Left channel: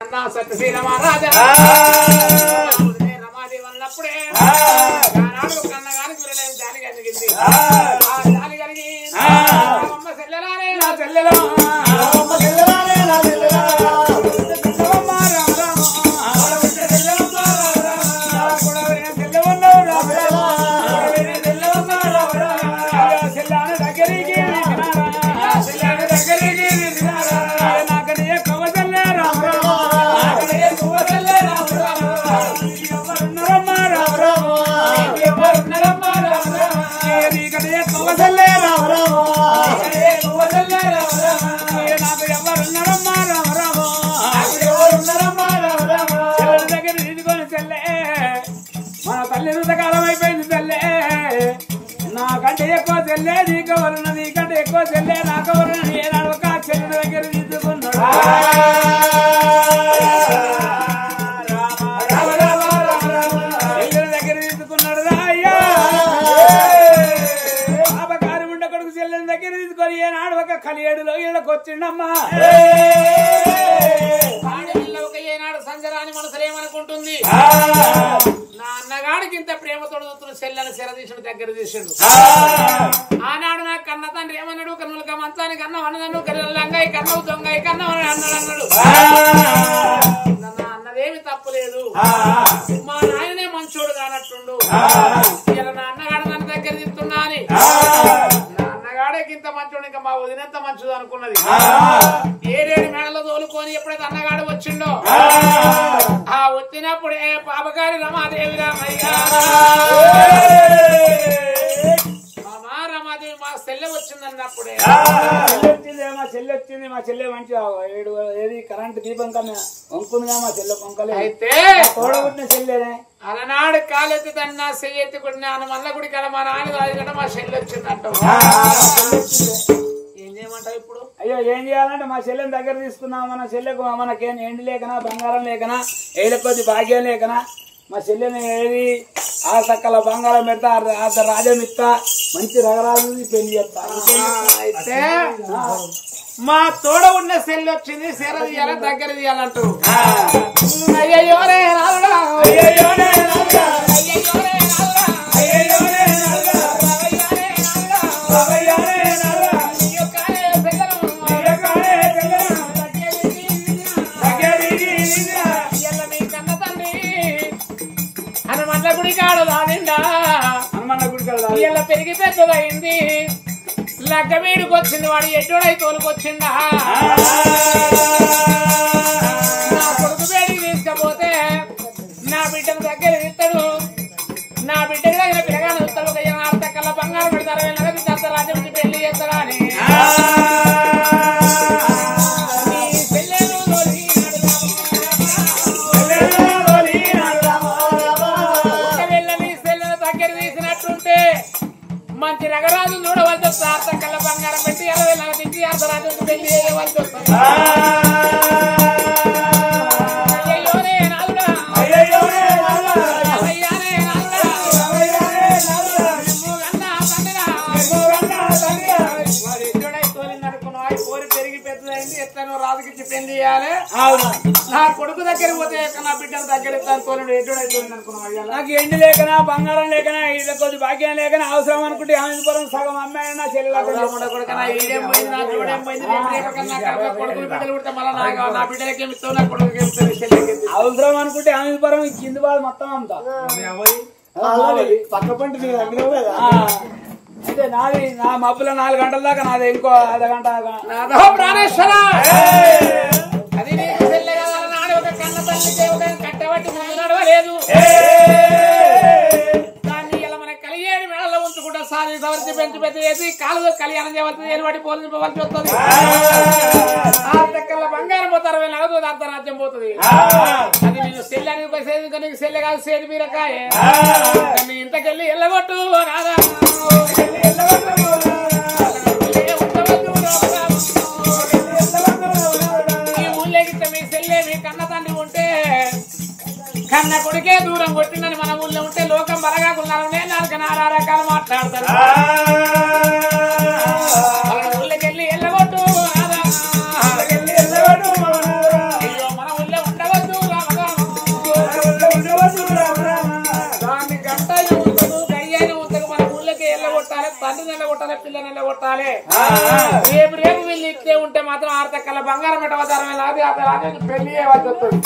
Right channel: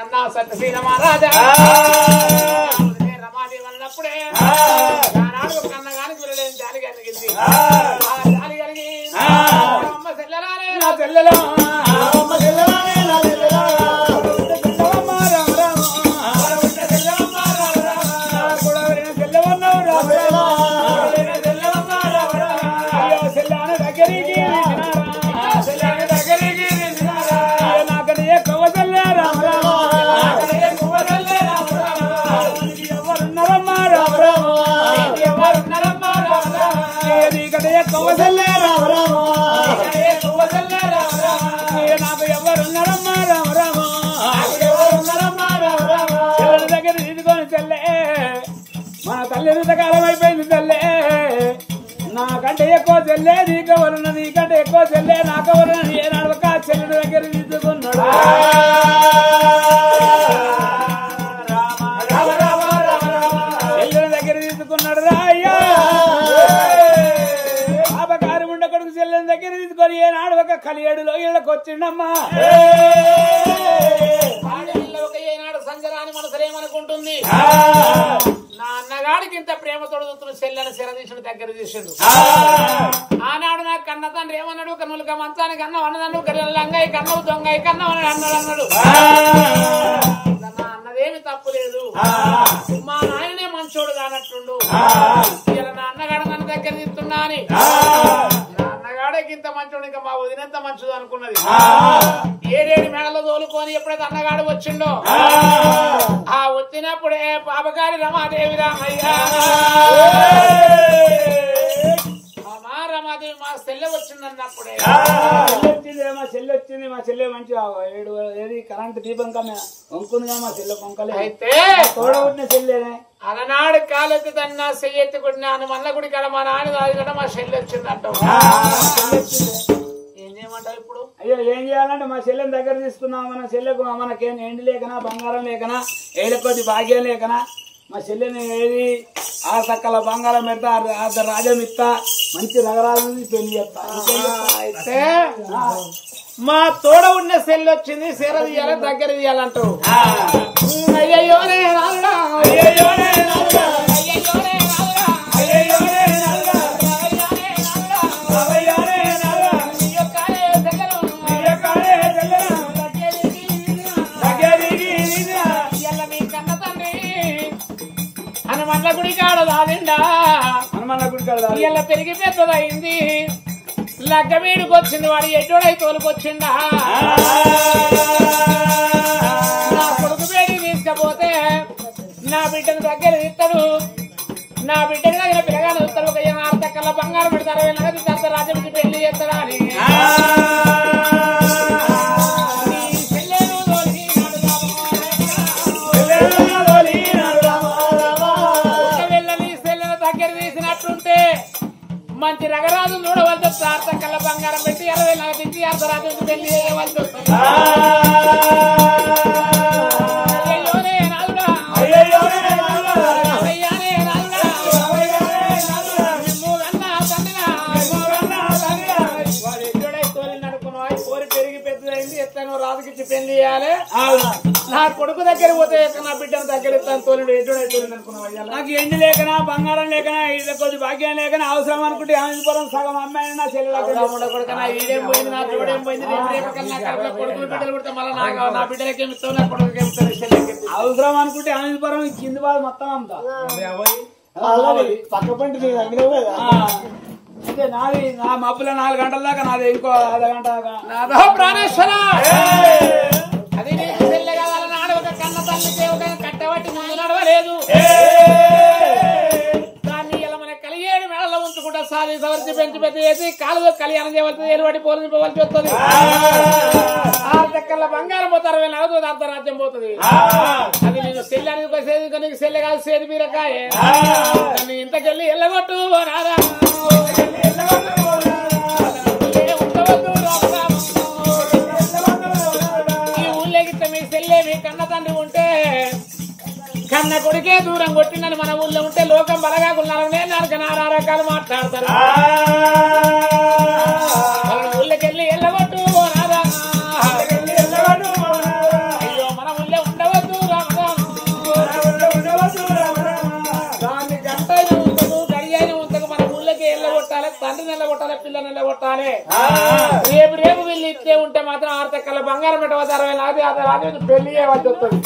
సత్యశ్రీల మహారాజా రమాదేవి అన్నప్పుడే ఆనాడు కన్నగానికి విరలేని జాలి కలిగింది. జాలి కలిగి అమ్మ చెల్లెలానే నా చెల్లెలో కాలం అయిపోయింది తల్లే. నాకంటే ఎక్కువ చెల్లే నీకెవరున్న, నీకంటే ఎక్కువ చెల్లే నాకెవరున్న, ఏనాడు ఒక చెల్లెల దగ్గర తీసుకున్నాడు. చెల్లెల దగ్గర తీసుకున్నాడు రా అయ్యా. పాపకారి ఉండ కొడుకు చెల్లెల దగ్గర తీసుకొని ఏనాడు ఒక కలియేడులో ఇళ్ళకి వచ్చిండమ్మా. ఒక ఏనాడు సంజరాని మనసులేమనుకుంటుంది, నా అన్నగాడికి ఇంత ప్రేమతోడు చూస్తున్న చెల్లెని శరదీశుడు దగ్గర తీసిండు. ఆనాడు నాకు కన్న తండ్రి ఏమన్నాడు, కన్నులక మంచానికి అన్నం అన్నదన్ను లంగాయి కన్నవు దొంగాయి కన్నవు అన్నాడు. అన్నదేమి తప్పులేదు, మా నాయనే మంచోడు కానట్టుండు. ఇలా నా అన్నగాడు నన్ను దగ్గర తీస్తున్నా అని నా అన్నగాడికి ఇంత మంచోడు, ఇంకా మా వదినంత మంచిది అనుకున్నది. ఏడేడు మేడలో తోలుకొని ఎప్పుడైతే అన్నగాడు వచ్చిండో ఆ వచ్చినప్పుడే పాపగారి రమాదేవి రామయ్య రమాదేవి మా చెల్లె వచ్చిందన్నప్పుడే మా చెల్లె వచ్చింది, మా చెల్లె మంచిగా ఏది కరెంట్ దీపం కన్నా వంకుందిగా మా చెల్లె వంకలే. అయితే తోడబుట్టిన చెల్లెనే అలనాడు కాలెత్తి తన చెయ్యెత్తి కొట్టిన మల్ల గుడి కల మా నాన్న అది మా చెల్లె వచ్చిందంట. ఏం చేయమంటావు ఇప్పుడు? అయ్యో ఏం చేయాలంటే మా చెల్లెని దగ్గర తీసుకున్నాం. మన చెల్లెకు మనకేం ఎండి లేకనా బంగారం లేకనా ఏళ్ళ కొద్ది భాగ్యం లేకనా మా చెల్లెని ఏది ఆ సక్కల బంగారం పెడతా రాజ్యం ఇస్తా మంచి రగరాజు పెళ్లి చేస్తా. అయితే మా తోడ ఉన్న చెల్లి వచ్చింది, సెర తీయాలి దగ్గర తీయాలంటూ. అయ్యో రే రాలుడా, అయ్యో రే రాలుడా, అయ్యో రే రాలుడా, అయ్యో రే రాలుడా, అయ్యో రే రాలుడా, హనుమన్న గుడి కాడ దాదిండా, హనుమన్న గుడి కాడ ఇలా పెరిగి పెద్దదయింది. లగ్గ వీడికి వచ్చింది, వాడు ఎడ్డోడై తోలుకొచ్చిండా. కొడుకు పేరు తీసుకపోతే నా బిడ్డను దగ్గర ఇస్తాడు, నా బిడ్డకి దగ్గర పిల్లగానే ఇస్తాడు. ఒక 6 తక్కల బంగారం పెడతారు, నగదు రాజ్యం పెళ్లి చేస్తారా అని మంచి రగరాజు చూడవలసి వస్తుంది. 6 తక్కల బంగారం పెట్టి 60 నగదించి అర్ధరాజు పెళ్లి చేయవలసి వస్తుంది. రాజుకిచ్చి పెళ్లి చేయాలి. నా కొడుకు దగ్గర పోతే నా బిడ్డను దగ్గర ఇస్తాను తోలండి ఎటువంటి తోలింది అనుకున్నాను. నాకు ఎండి లేకనా బంగారం లేకనా ఇళ్ళ కొద్ది భాగ్యం లేకనా అవసరం అనుకుంటే ఆనందపురం సగం అమ్మాయి నా చెల్లెల కొడుకునా ఈడేం పోయింది, నా తోడేం పోయింది, కొడుకులు బిడ్డలు పుడితే మళ్ళీ నా బిడ్డలకేమి ఇస్తావు, నా కొడుకుకేమి అవసరం అనుకుంటే ఆనందపురం కింది బాధ మొత్తం అమ్ముతా. పక్క పంట నీ దగ్గర కదా అంటే నాది నా మబ్బుల 4 గంటల దాకా నాది ఇంకో అర్ధగంట ప్రాణేశ్వర. అది నీకు చెల్లె కదా నాడు ఒక కన్న తల్లికి ఒక కట్టబట్టి ముందు నడవలేదు. దాన్ని ఇలా మన కలిగేడు మేడలో ఉంచుకుంటా సాధి సవరించి పెంచి పెద్ద చేసి కాలు కళ్యాణం చేయవలసింది, ఏలుబడి పోలింపవలసి వస్తుంది. 6 తక్కల బంగారం పోతారు, 60 నగదు అంతరాజ్యం పోతుంది. అది నేను చెల్లె అనేది నీకు చెల్లె కాదు, సేది బీరకాయ. దాన్ని ఇంతకెళ్ళి ఎల్లగొట్టు నారా కన్న తండ్రి ఉంటే కన్న కొడుకే దూరం కొట్టిందని మన ఊళ్ళో ఉంటే లోకం బలగా కొన్నాను. నేను నాకు 4 రకాలు మాట్లాడతాను. ఊళ్ళకెళ్ళి ఎల్లగొట్టు అయ్యో మన ఊళ్ళో తండ్రి నిలగొట్టాలి, పిల్ల నిలగొట్టాలి. రేపు రేపు వీళ్ళు ఇట్లే ఉంటే మాత్రం 6 తక్కల బంగారం పెట్టవచ్చు, 60 పెళ్లి చేయవలసి వస్తుంది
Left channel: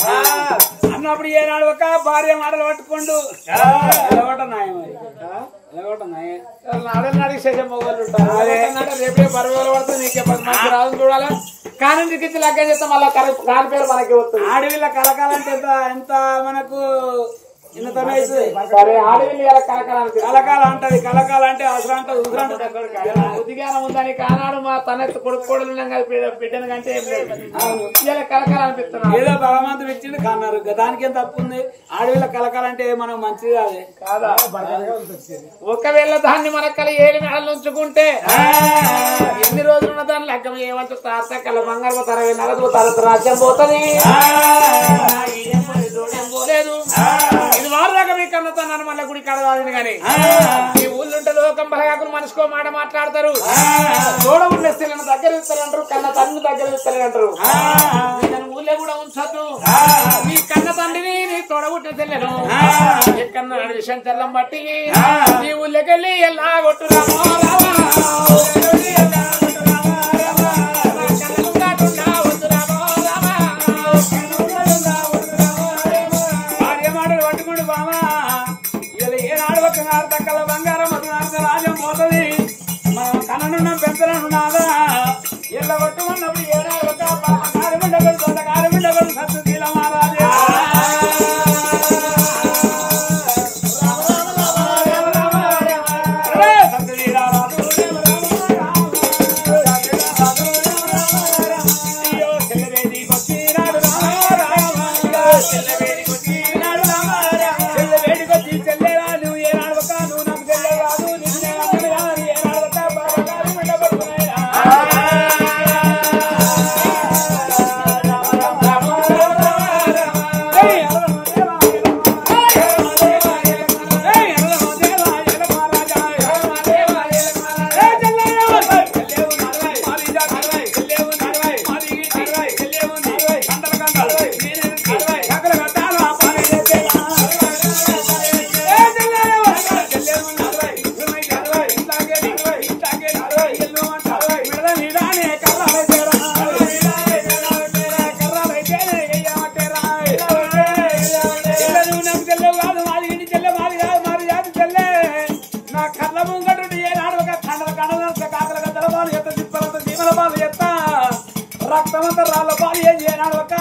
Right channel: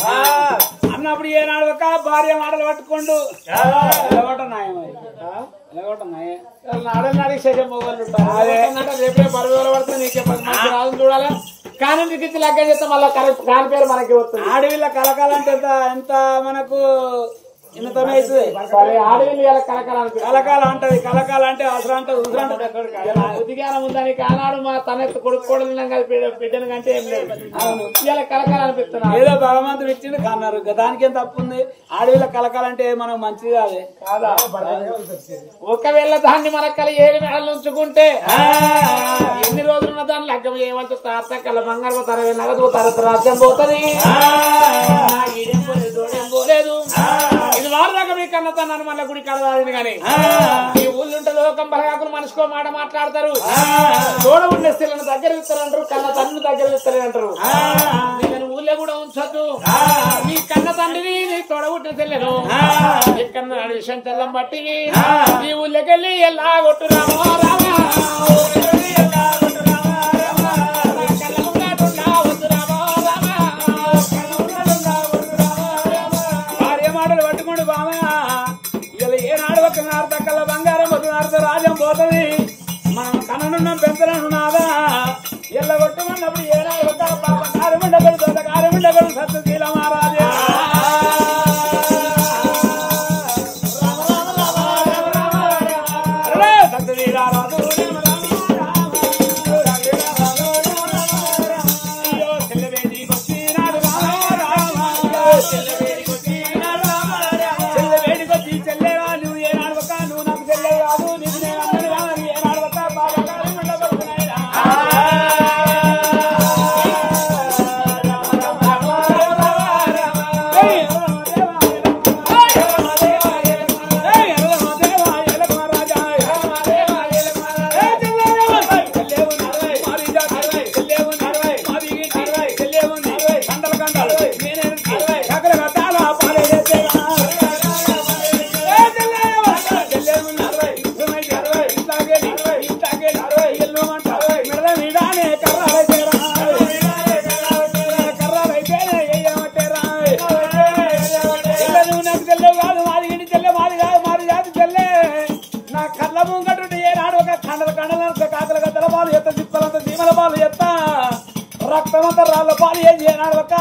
అన్నప్పుడు ఏనాడు ఒక భార్య మాటలు పట్టుకోండు నాడికి శేషం మొగలు ఉంటారు. రేపే పరువులు పడుతుంది, నీకే మంచి రాజు చూడాలి. కానీ నీకు లగ్గ చేస్తే మళ్ళీ కాని పేరు మనకి వస్తుంది. ఆడవిల్ల కలకాలంటే ఎంత మనకు సరే ఆడవిల్లు ఇలా కలకాల అంటది. కలకాల అంటే అసలు అంటది బుద్ధిగానం ఉందని కానాడు మా తనెత్తు కొడుకు బిడ్డను కంటే ఏం లేదు. ఇలా కలకాల అనిపిస్తున్నాను. ఏదో భగవంతుడు ఇచ్చింది కన్నారు, దానికి ఏం తప్పు ఉంది? ఆడవిల్ల కలకాలంటే మనం మంచిది కాదే కాదా? ఒకవేళ దాన్ని మన కల 7 మేడలు ఉంచుకుంటే ఎన్ని రోజులున్న దాన్ని లగ్గం చేయవలసి తాత కల బంగారు తరవే నగదు తరత రాజ్యం పోతుంది. పోలేదు ఇది వారు దాకా మీ కన్నతన్నాను మళ్ళీ గుడి కడదాదని గాని ఈ ఊళ్ళుంటే లోకం బలగాకులు మనిషికో మాట మాట్లాడతారు. తోడ ఉండే స్త్రీలను దగ్గర ఇస్తారంటారు, కన్న తండ్రిని దగ్గర ఇస్తారంటారు. నేను ఊళ్ళో కూడా ఉంచొద్దు, నీ కన్న తండ్రిని నీ తోడబుట్టిన తెల్లను ఎక్కన్న విషయం తెల్లం బట్టి నీ ఊళ్ళకెళ్ళి ఎలా కొట్టురామో రావా రాజ్యం పోతుంది. మనం కన్ననున్నాం పెంచనున్నాదా ఎల్ల కొట్టుకున్నప్పుడు ఏనాడు ఒక పాప కారుమిండగడు తోట కారుమిండగడు సత్తుశీల మహారాజే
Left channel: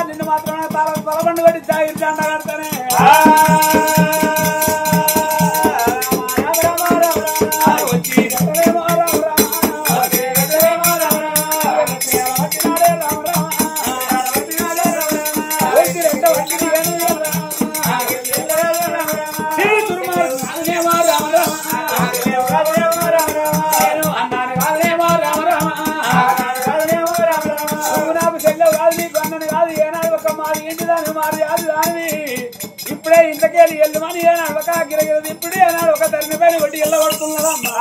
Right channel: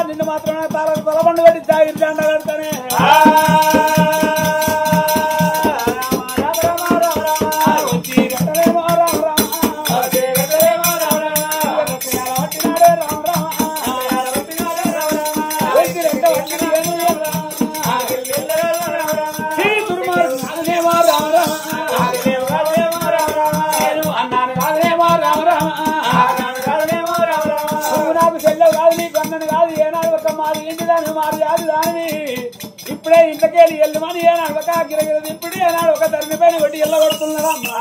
నిన్ను మాత్రమే తలబండు పెట్టి తాగి జెండా కడతానే ఇప్పుడే ఇంతకేళి ఎల్లుమని ఏనాడు ఒక గిరగిరది ఇప్పుడు ఏనాడు ఒక తరిమి పైన కొట్టి ఎల్ల కొడుతున్నారమ్మా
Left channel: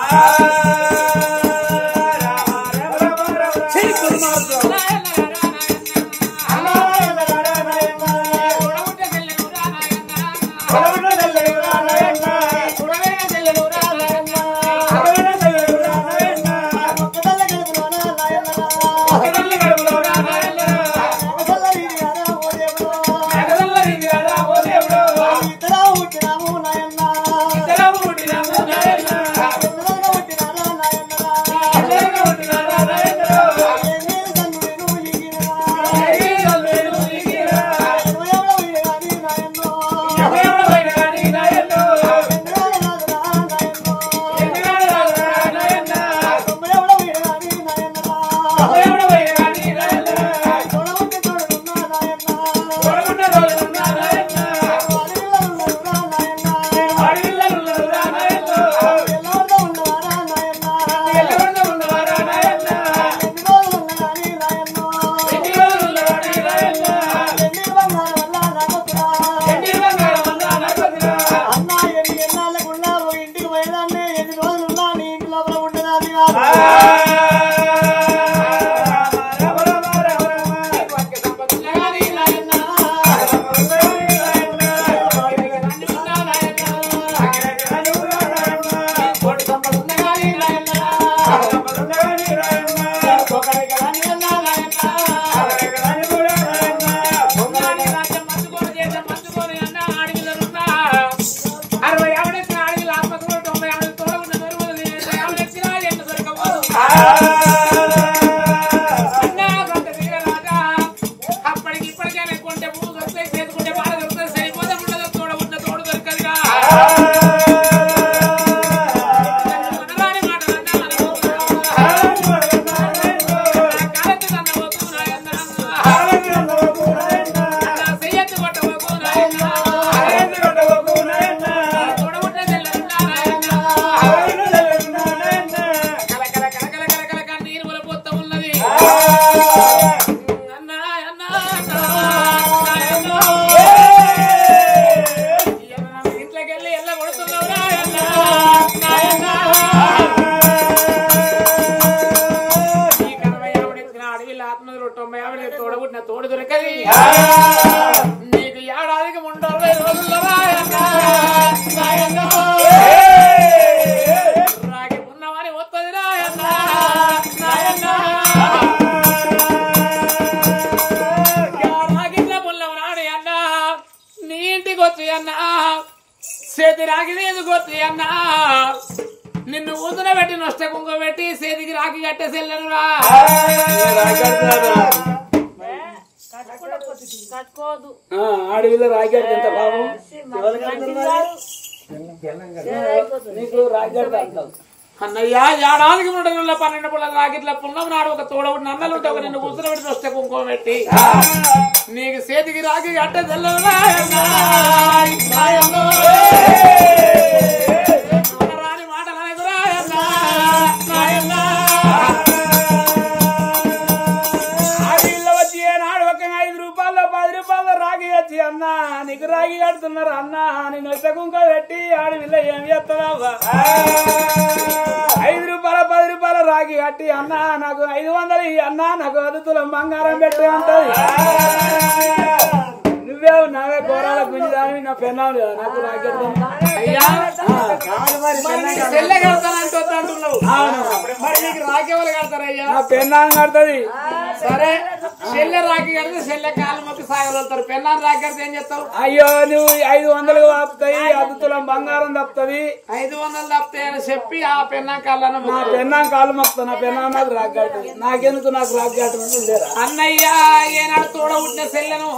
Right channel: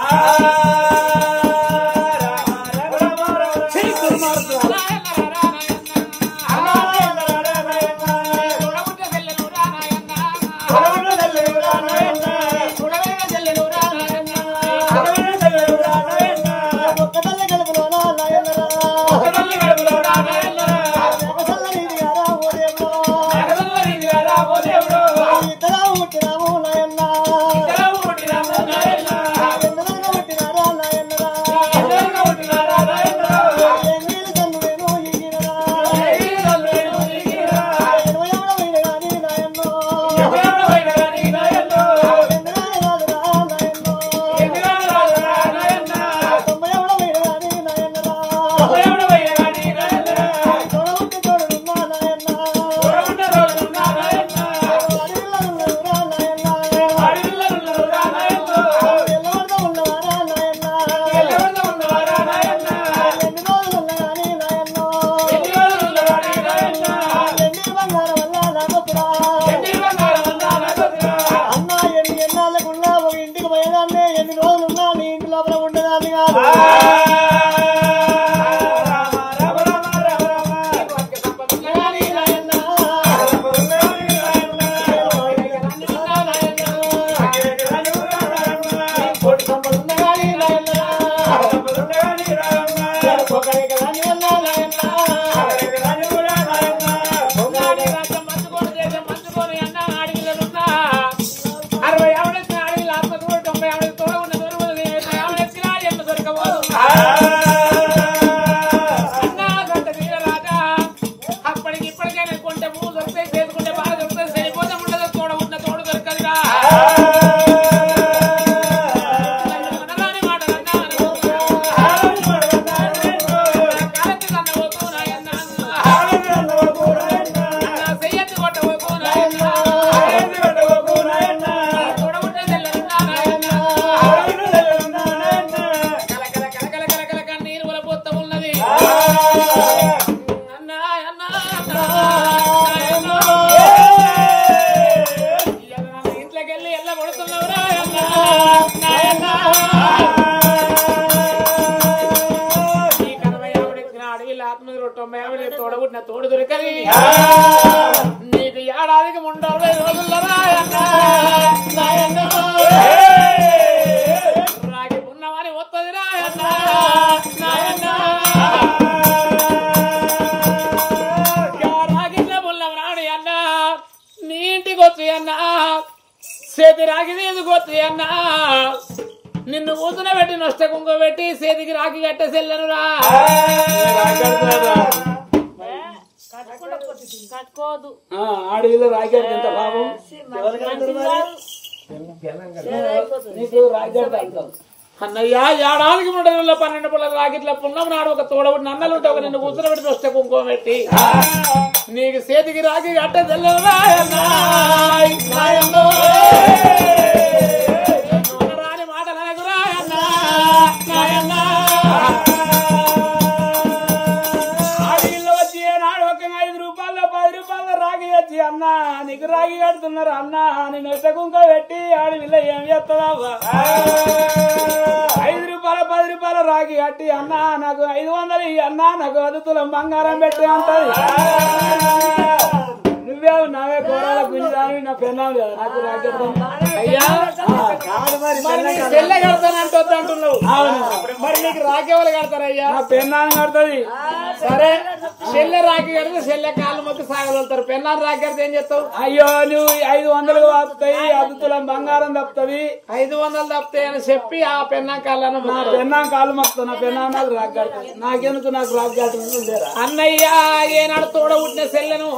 పువ్వు దొరుకుతాయి చేసుకుంటే బాగా దొరుకుతుంది సరిపోతే ఉండదు తోడ ఉన్న తోడు దొరకదుగా తోడబుట్టిన తోడు దొరకది నీకు ఏడాదికి 30 రోజుల్లో రాగి ఉన్నవాని వస్తుంది రాగిన్న పుల్లం రాడి అన్న నీ ఇంటికి వచ్చి అన్న చేతి రాగి వేసుకు వచ్చి అన్న నిన్ను ఊతున పెట్టి నొష్ట కుంగ పెట్టి చేతికి రాగి కట్టే సెల్లను రా ఆడవిలో రాగాడు ఎంత బాబు నీకు రాగాడు అంటావు అన్నయ్య ఏడాదికి 3 రోజుల్లో 12 పుల్ల రాగిట్ల పున్నం నాడు ఒక తోడబుడి నన్నలుంటే ఒక నిన్ను కూతురు పెట్టి వస్తే కుంకుమ పెట్టి నీకు చేతికి రాగి అట్టే రాని మాట నాకు ఆడవిలో వచ్చి ఏనాడు ఒక 5 రూపాయలు 10 రూపాయలు రాగి వచ్చి అన్నా నీకు రాగి కడుతున్నారు అన్నా నేను ఇట్ట కుంక పెట్టి ఆడవిలో ఏం చేస్తున్నావా 5 రూపాయలు 10 రూపాయలు రాగి కట్టి అన్నా నాకు 500 అన్నా నాకు 10 తులం బంగారం పెట్టి అంటది నువ్వే నావే కూరల గుంజాని నా పెన్నావు కదా నాకు రాగి అయ్యా చెల్లె కడతానంటే వద్దంటున్నావు మరి నీకు రాకేవాళ్ళు కడతారయ్యా నా పెన్నాన్ని కడుతుంది సరే చెల్లె రాకి కడితే చెల్లె కాళ్ళు మొక్కి సాగలుగుతారు పెన్నాన్ని రాకి కడితే ఏం చేస్తావు అయ్యో నువ్వు 500 తప్పుతాయి 10 తులం బంగారం తప్పుతుంది 500 తప్పుతాయి అని చెప్పి ఆ పెన్నాం కాళ్ళను నా పెన్నాం కాలు మొక్కుతా నా పెన్నాం నాకు రాగి కడుతుంది నాకెందుకు నాకు రాగి కడుతుంది లేరా అన్నయ్య ఏనాడు తోడ పుట్టిన చెల్లెను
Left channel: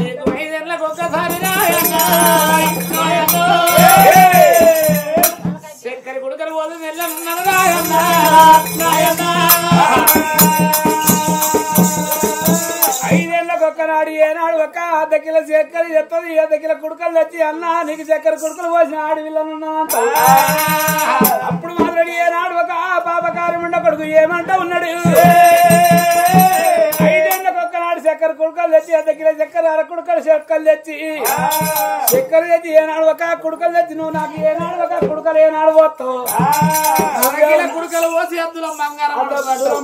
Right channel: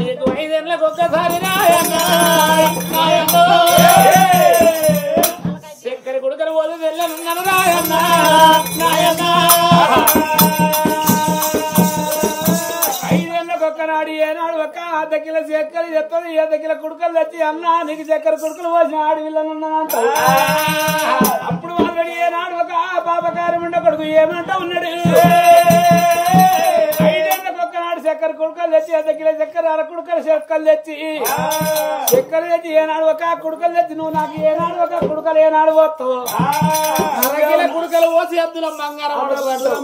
నీకు 5 ఏళ్ళకి ఒక్కసారి చక్కెర గుడకలు పోతే చెల్లెనున్నాను రాయన్నా 5 ఏళ్ళకి ఒక్కనాడు ఏనాడు ఒక్క 1/2 కిలో చక్కెర చెప్తుంది 1/2 కిలో కుడుకలు తెచ్చి అన్నా నీకు చక్కెర కుడుకలు పోసిన ఆడవిల్లనున్నానంట అప్పుడు ఆల్రెడీ ఏనాడు ఒక పాపకారం ఉండ కొడుకు ఏమంటా ఉన్నాడు 5 ఏళ్ళకి ఒక్కనాడు చక్కెర కుడుకలు తెచ్చి 1/2 కిలో చక్కెర 1/2 కుడుకలు చక్కెరలు తెచ్చి చక్కెర తెచ్చి ఏనాడు ఒక కుడుకలు తెచ్చి నువ్వు నాకు ఏనాడు ఒక కుడుకలు ఏనాడు పోతావు కుడుకలు పోసి అద్దులో బంగారం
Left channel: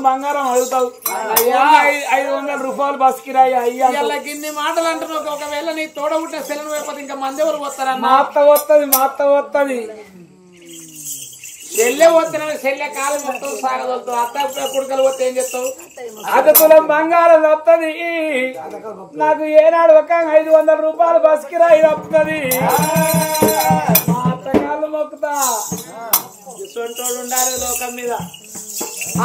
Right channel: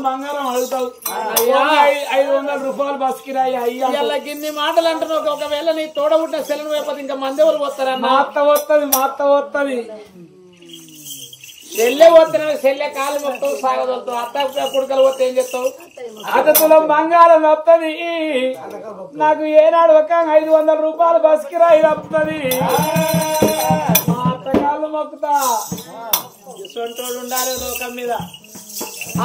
బంగారం అడుగుతావు 500 రూపాయలు బస్ కిరాయి అయ్యా గిన్ని మాటలు అంటున్నావు ఒకవేళ నీ తోడ పుట్టిన సెలను వేపతి ఇంకా మంది ఎవరు పోతారన్న మా అత్త వస్తుంది చెల్లె పోతున్నా చెల్లె కాలు మొత్తం సాగదొలుతావు అత్త కుడుకలు పోతే ఏం చెప్తావు 1 తులం బంగారం వస్తుంది నాకు ఏనాడు ఒక 500 రూపాయలు బస్ కిరాయి వస్తుంది మా అత్తగాళ్ళు మొక్కుతా ఇసొంటోడు ఉండాలి లోకం మీద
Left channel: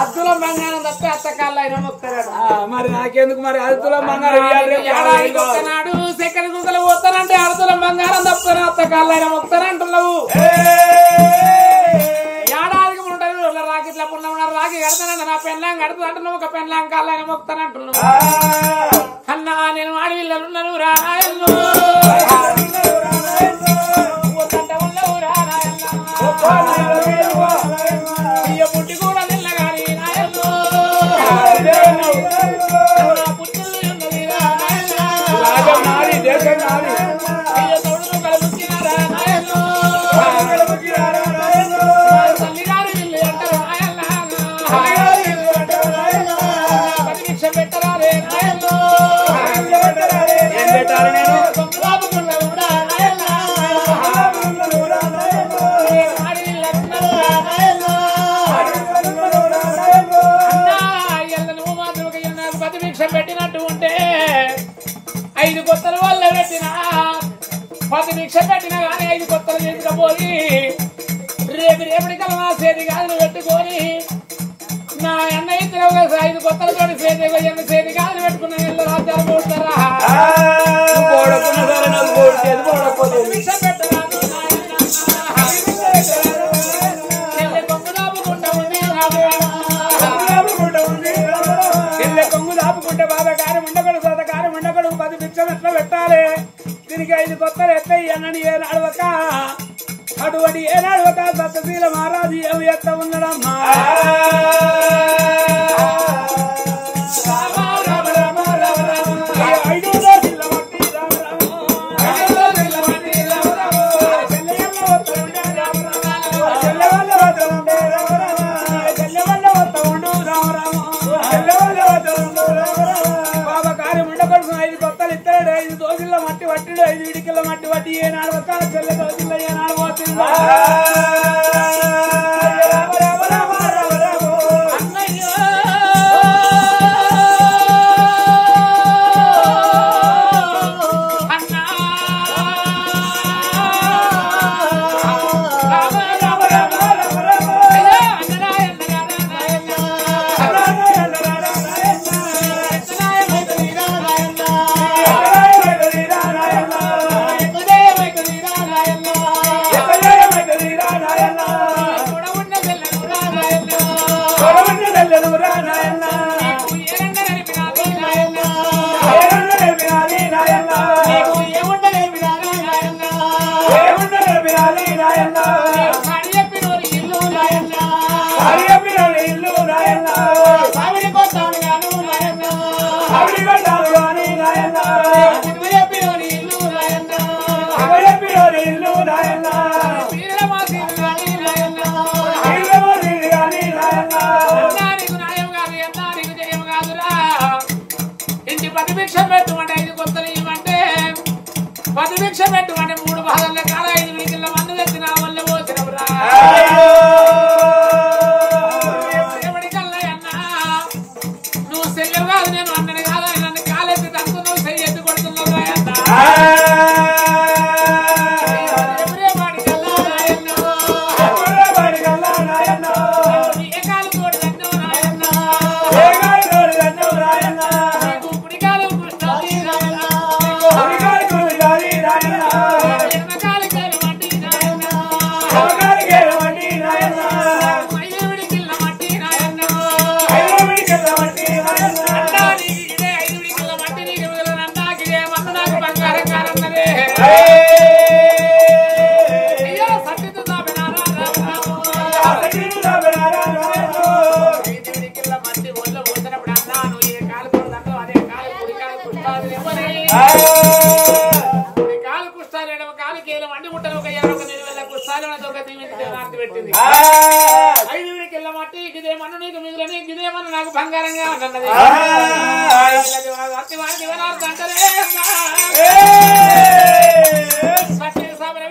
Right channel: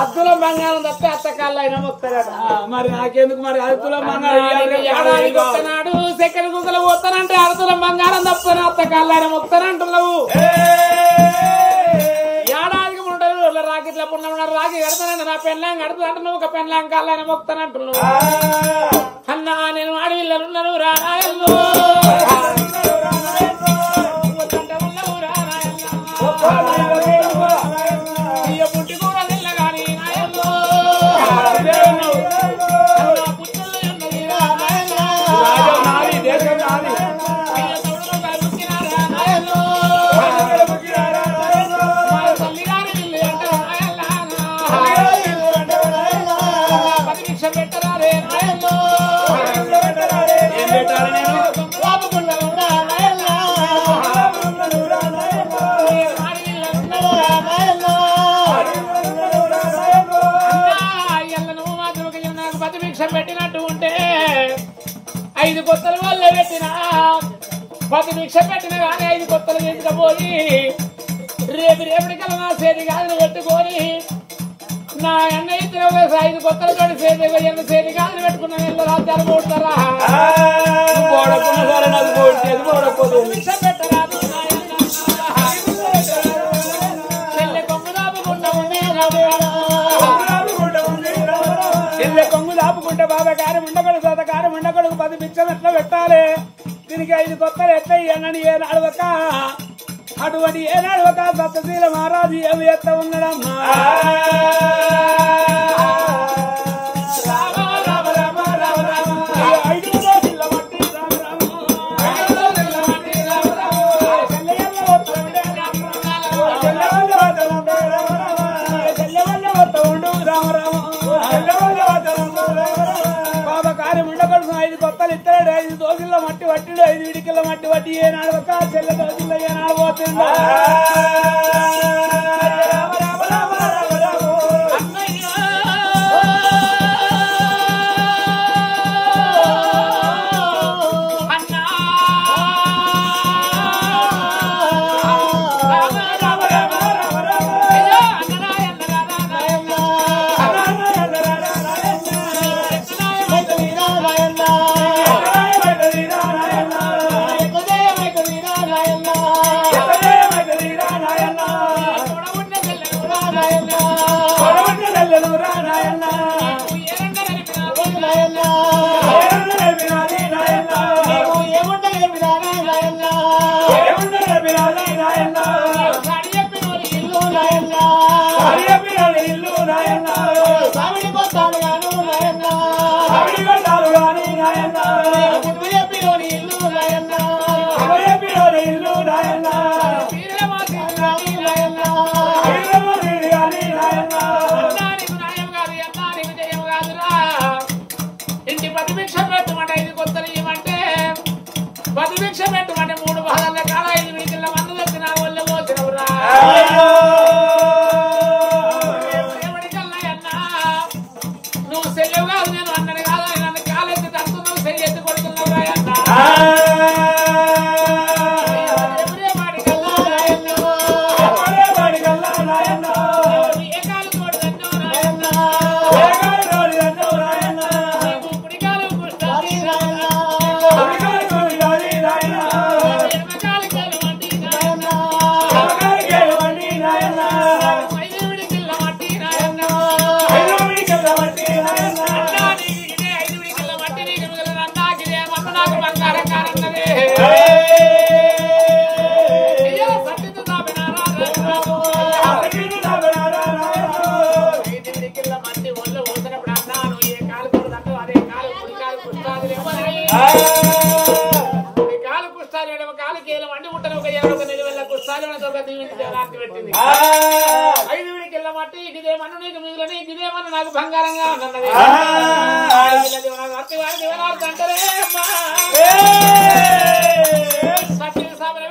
అద్దుల బంగారం తప్పి అత్త కాళ్ళు అయినా మొక్కుతారట మరి నాకెందుకు మరి 1 తులం బంగారం ఏడాదికి ఒక్కనాడు చక్కెర కుక్కలు పోతానంటే 1 తులం బంగారం తప్పుతాను అత్త కాళ్ళు అయినా మొక్కుతానంటున్నావు ఏడాదికి 3 రోజుల రాకిట్ల పున్న రాకి కడతానంట నా పెళ్ళాం కడతానంటే నువ్వు ఒక పెళ్ళాం కాళ్ళు అయినా మొక్కుతానంటున్నావు అన్నా నేను అడవిల్లనున్నాను రాయల్లో పెట్టినట్టు ఉంటే 5 కొత్తలు వల్ల పెట్టినా 10 భిక్ష పెట్టినా కానీ 5 కొత్తలు తీసుకుపోయి రేపటికల్లా నా చేతి గాజులు పెట్టుకొని నా అన్న ఇద్దరు 5 కొత్తలు చేతి గాజులు పెట్టుకున్న రాజ్యాలు కొడుకు 10 పిచ్చలు ఎట్లా పెట్టాలి దీనికి 5 కొత్తలు ఎట్లా ఇవ్వాలని ఏ నడవక అటువంటి ఏ నడవక సత్యశీల మహారాజు ఏమి ఎత్త ఉన్నాడమ్మా మట్టి వట్టిడు 5 ఇడికల మట్టి వట్టి ఏ నాడవక చెల్లె దోషుల్లో ఏ నాడబోతుందో నాకు బంగారంగా ఉన్నది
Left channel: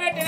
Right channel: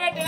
పెట్టిన